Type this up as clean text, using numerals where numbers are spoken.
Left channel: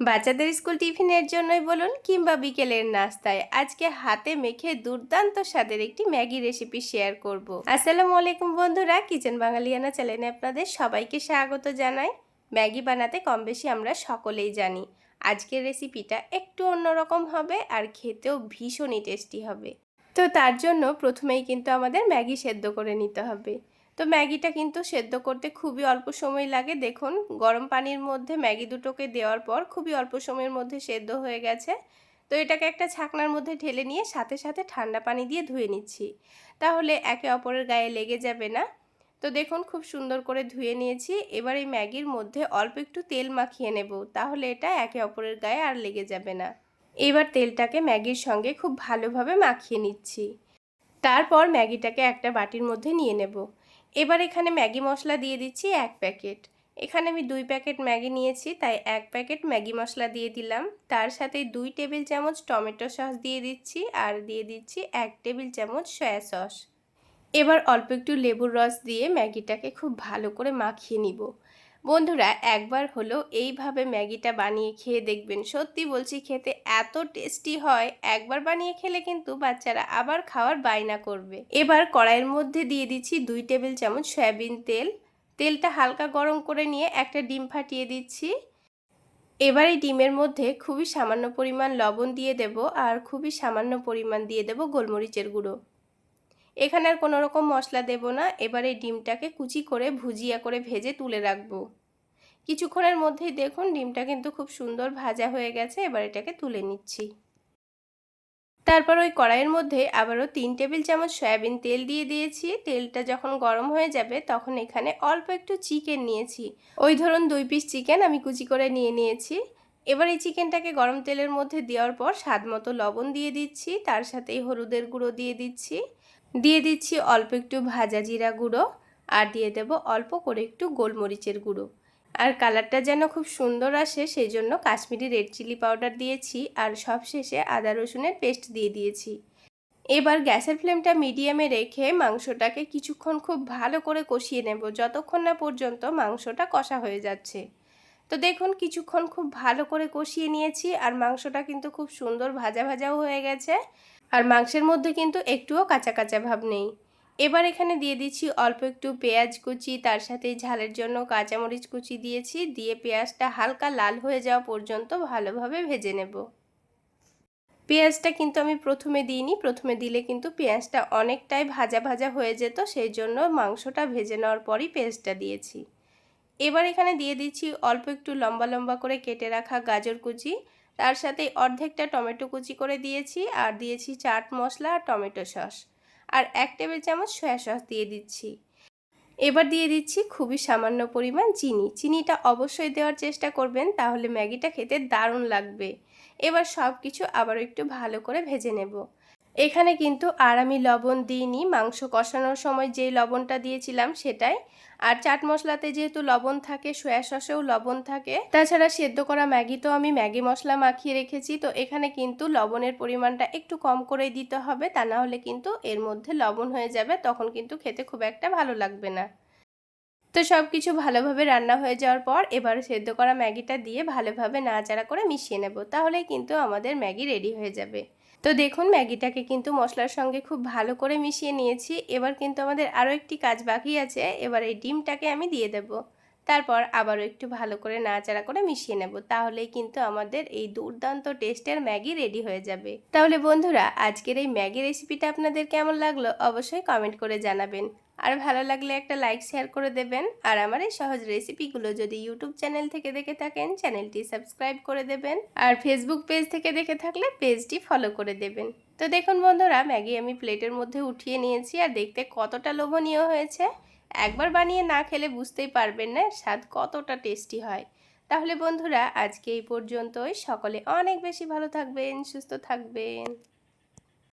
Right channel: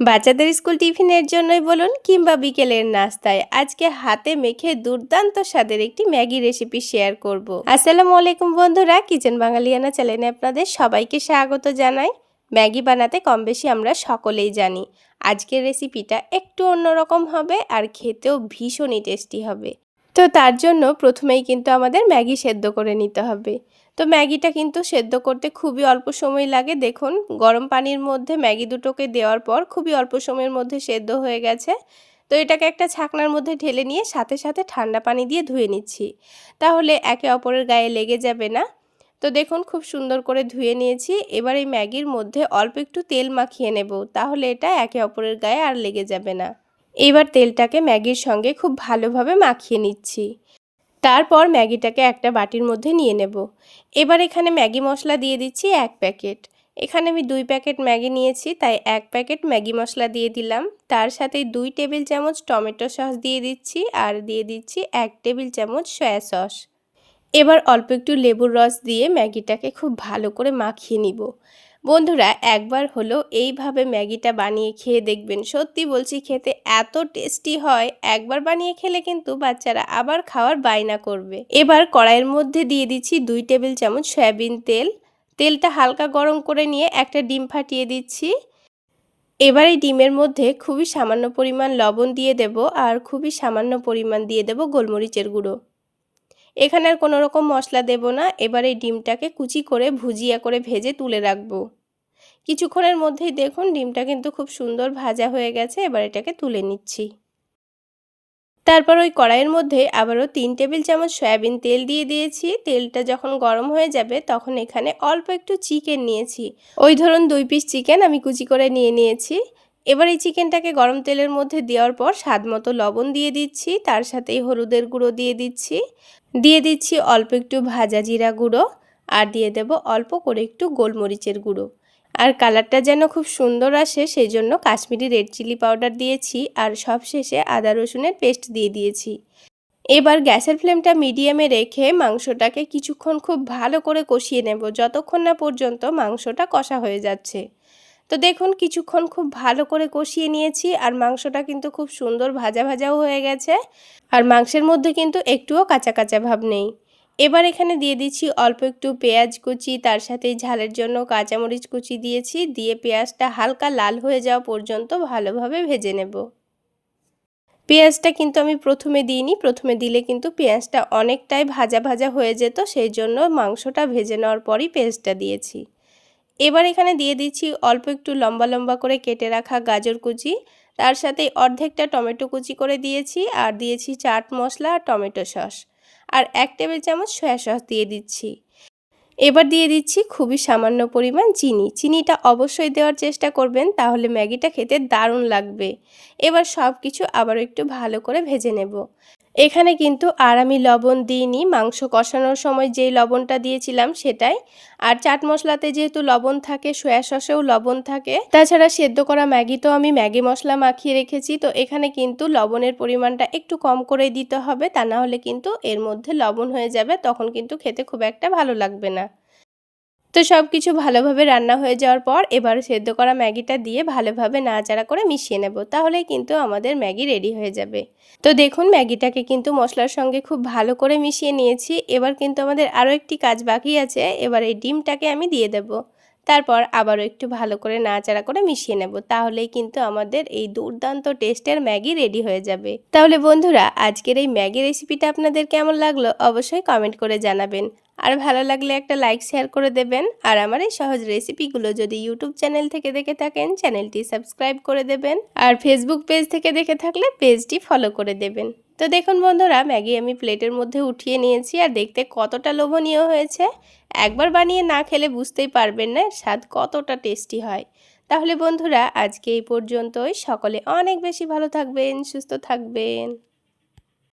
বাচ্চাদের স্কুল টিফিনের জন্যই বলুন কিংবা বিকেলের নাস্তায় আজকে হাতে মেখে দুর্দান্ত স্বাদের একটি ম্যাগি রেসিপি শেয়ার করব। আসসালামু আলাইকুম বন্ধুরা, কিচেন বাঙালিয়ানা চ্যানেলে আপনাদের সবাইকে স্বাগত জানাই। ম্যাগি বানাতে কম বেশি আমরা সকলেই জানি। আজকের রেসিপিটা একটু অন্যরকম হবে আর খেতেও ভীষণই টেস্টি হবে। তো তার জন্য প্রথমেই কিন্তু আমাদের ম্যাগি সেদ্ধ করে নিতে হবে। তো ম্যাগিটা কিন্তু সেদ্ধ করতে খুবই অল্প সময় লাগে। দেখুন, গরম পানির মধ্যে ম্যাগি দুটোকে দেওয়ার পর খুবই অল্প সময়ের মধ্যে সেদ্ধ হয়ে গেছে। তো এটাকে একটা ছাকনার মধ্যে ঢেলে নিয়ে সাথে সাথে ঠান্ডা পানি দিয়ে ধুয়ে নিচ্ছি, তাহলে একে অপরের গায়ে লেগে যাবে না। তো দেখুন, খুব সুন্দর করে ধুয়ে নিয়েছি। এবার এই ম্যাগির মধ্যে অল্প একটু তেল মাখিয়ে নেব, তাহলে এটা একে অপরের গায়ে আর লেগে যাবে না। এবার তেলটাকে ম্যাগির সঙ্গে খুব ভালোভাবে মাখিয়ে নিচ্ছি। তারপর ম্যাগিটাকে একটা বাটির মধ্যে নিয়ে নেব। এবার এখানে ম্যাগি মশলা দিয়ে দিচ্ছি 1 প্যাকেট। এখানে আমি 2 প্যাকেট ম্যাগি নিয়েছি, তাই 1 প্যাকেট ম্যাগি মশলা দিয়ে দিলাম। তার সাথে 2 টেবিল চামচ টমেটো সস দিয়ে দিচ্ছি আর দিয়ে দিচ্ছি 1 টেবিল চামচ সয়া সস। এবার অল্প একটু লেবুর রস দিয়ে ম্যাগিটাকে খুব ভালো করে মাখিয়ে নিব। বন্ধুরা, একবার হলো এইভাবে ম্যাগিটা বানিয়ে খেয়ে দেখবেন, সত্যি বলছি খেতে এত টেস্টি হয়। একবার বানিয়ে খেলে কিন্তু বাচ্চারা আবার খাওয়ার বায়না করবে। এবার কড়াইয়ের মধ্যে দিয়ে দিচ্ছি 2 টেবিল চামচ সয়াবিন তেল। তেলটা হালকা গরম করে নিয়ে একটা ডিম ফাটিয়ে দিচ্ছি। এবার এই ডিমের মধ্যে খুবই সামান্য পরিমাণ লবণ দিয়ে দেব আর খুবই সামান্য পরিমাণ দিয়ে দেব গোলমরিচের গুঁড়ো। এখানে আর কোনো রকম মশলা দেব না। এবার এই ডিমটাকে কুচি করে ভুজিয়া করে ভেজে তুলে রাখবো। কিছুক্ষণের মধ্যেই দেখুন ডিমটা কিন্তু খুব সুন্দর ভাজা হয়ে গেছে। এবার এটাকে তুলে নিচ্ছি। তারপর ওই কড়াইয়ের মধ্যে আবারও 3 টেবিল চামচ সয়াবিন তেল দিয়ে দিয়েছি। তেলটা যখন গরম হয়ে যাবে তখন এখানে অল্প একটু চিকেন নিয়েছি। ওই ধরুন 2 পিস চিকেন আমি কুচি করে নিয়েছি। এবার এই চিকেনটাকে গরম তেলের মধ্যে দেওয়ার পর স্বাদ মতো লবণ দিয়ে দিচ্ছি, তার সাথেই হলুদের গুঁড়ো দিয়ে দিচ্ছি অল্প একটু ভাজা জিরা গুঁড়ো আর দিয়ে দেব অল্প করে একটু গোলমরিচের গুঁড়ো। আর কালারটা যেন খুব সুন্দর আসে সেই জন্য কাশ্মীরি রেড চিলি পাউডার দিয়েছি আর সবশেষে আদা রসুনের পেস্ট দিয়ে দিয়েছি। এবার গ্যাসের ফ্লেমটা মিডিয়ামে রেখে মাংসটাকে কিছুক্ষণ খুব ভালো করে কষিয়ে নেব, যতক্ষণ না পর্যন্ত মাংসটা কষা হয়ে যাচ্ছে। তো দেখুন, কিছুক্ষণ খুব ভালো করে কষিয়ে নিয়েছি আর মাংসটা কিন্তু খুব সুন্দর ভাজা ভাজাও হয়ে গেছে আর মাংসের মধ্যে কিন্তু একটুও কাঁচা কাঁচা ভাব নেই। এবার এখানে দিয়ে দিচ্ছি অল্প একটু পেঁয়াজ কুচি, তার সাথে ঝালের জন্য কাঁচামরিচ কুচি দিয়েছি। দিয়ে পেঁয়াজটা হালকা লাল হয়ে যাওয়া পর্যন্ত ভালোভাবে ভেজে নেব। পেঁয়াজটা কিন্তু আমি প্রথমে দিইনি, প্রথমে দিলে কিন্তু পেঁয়াজটা অনেকটাই ভাজা ভাজা হয়ে যেত, সেই জন্য মাংসটা ভেজে নেওয়ার পরই পেঁয়াজটা দিয়েছি। এবার এখানে দিয়ে দিচ্ছি অল্প একটু লম্বা লম্বা করে কেটে রাখা গাজর কুচি, তার সাথে অর্ধেকটা টমেটো কুচি করে দিয়েছি আর দিয়েছি চাট মশলা আর টমেটো সস আর 1 টেবিল চামচ সয়া সস দিয়ে দিচ্ছি। এবার দিয়ে দিচ্ছি খুবই সামান্য পরিমাণ চিনি। চিনিটা অবশ্যই দেওয়ার চেষ্টা করবেন, তাহলে ম্যাগিটা খেতে দারুণ লাগবে। এবার সব কিছু আবারও একটু ভালো করে ভেজে নেব। এখানে কিন্তু আর আমি লবণ দিইনি, মাংস কষানোর সময় যেই লবণটা দিয়েছিলাম সেটাই। আর চাট মশলাতে যেহেতু লবণ থাকে, সয়া সসেও লবণ থাকে, তাছাড়া সেদ্ধ করা ম্যাগিতেও আমি ম্যাগি মশলা মাখিয়ে রেখেছি। তো এখানে কিন্তু লবণের পরিমাণটা একটু কম করে দিতে হবে, তা না হলে কিন্তু এর মধ্যে লবণ হয়ে যাবে, তখন কিন্তু খেতে খুব একটা ভালো লাগবে না। তো সব কিছু ভালোভাবে রান্না হয়ে যাওয়ার পর এবার সেদ্ধ করা ম্যাগিটা দিয়ে ভালোভাবে নাড়াচাড়া করে মিশিয়ে নেব, তাহলেই কিন্তু আমাদের ম্যাগি রেডি হয়ে যাবে। তো দেখুন, ম্যাগিটাকে কিন্তু মশলার সঙ্গে খুব ভালো করে মিশিয়ে নিয়েছি। এবার কিন্তু আমাদের আরও একটি কাজ বাকি আছে। এবার এই ডিমটাকে আমি দিয়ে দেব। তারপর আবারও একটু ভালো করে নাড়াচাড়া করে মিশিয়ে নেব, তাহলেই কিন্তু আমাদের এই দুর্দান্ত টেস্টের ম্যাগি রেডি হয়ে যাবে। তাহলে বন্ধুরা, আজকের এই ম্যাগি রেসিপিটা আপনাদের কেমন লাগলো অবশ্যই কমেন্ট করে জানাবেন। আর ভালো লাগলে একটা লাইক শেয়ার করে দেবেন। আর আমার এই সহজ রেসিপিগুলো যদি ইউটিউব চ্যানেল থেকে দেখে থাকেন, চ্যানেলটি সাবস্ক্রাইব করে দেবেন। আর ফেসবুক পেজ থেকে দেখে থাকলে পেজটি ফলো করে দেবেন। তো দেখুন বন্ধুরা, ম্যাগি আমি প্লেটের মধ্যে উঠিয়ে নিয়েছি আর দেখতে কতটা লোভনীয় হয়েছে। একবার বানিয়ে না খেলে বুঝতেই পারবেন না স্বাদ কতটা টেস্টি হয়। তাহলে বন্ধুরা, আজকে এই পর্যন্তই। সকলে অনেক বেশি ভালো থাকবেন, সুস্থ থাকবেন।